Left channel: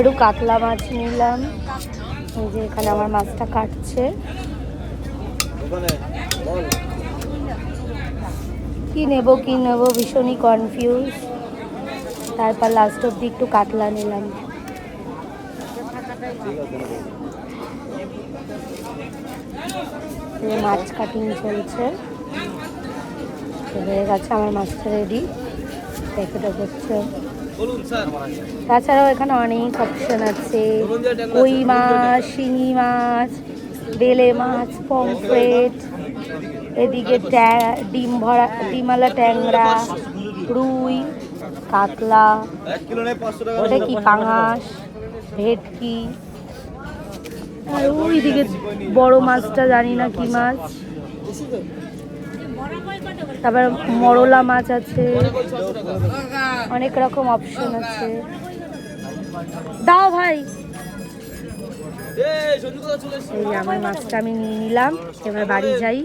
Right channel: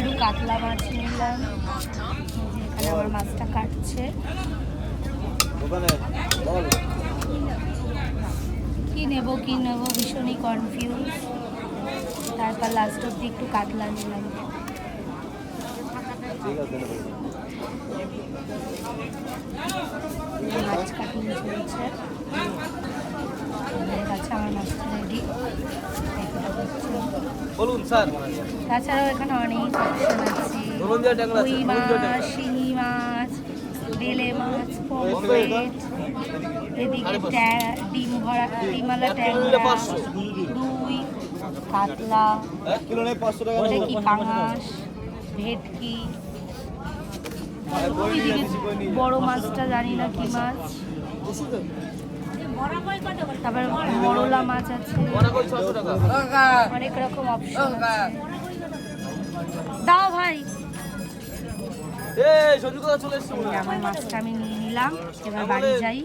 একটু কাতলা মাছ নিলাম। এই যে এখানে আমার মাছটা কাটছে। কি নেব ভীষণই কনফিউজ। তারপর লাস্ট অব্দি একটু কাতলা নিলাম। মাছ কাটিং চলছে, হয়ে গেছে আমার মাছটা রেডি, প্যাকেটে করছে। তাছাড়াও এখানে অনেক অপশন আছে, রুই মাছ, শিঙি মাছ, বেলে মাছ, পমফ্রেট, এদিকে ডিমওয়ালা ট্যাংরা, রুই, কাতলা, ওটা কি পাঙাশ, ভেটকি, ওইদিকে বড় মাছটা জানি না কি মাছ, তারপর মরলা মাছ আছে, অনেক রকম অপশন আছে। দাও ভাই। আমার মাছটা আমি নিয়ে নিলাম, এবার বাড়ি যাই।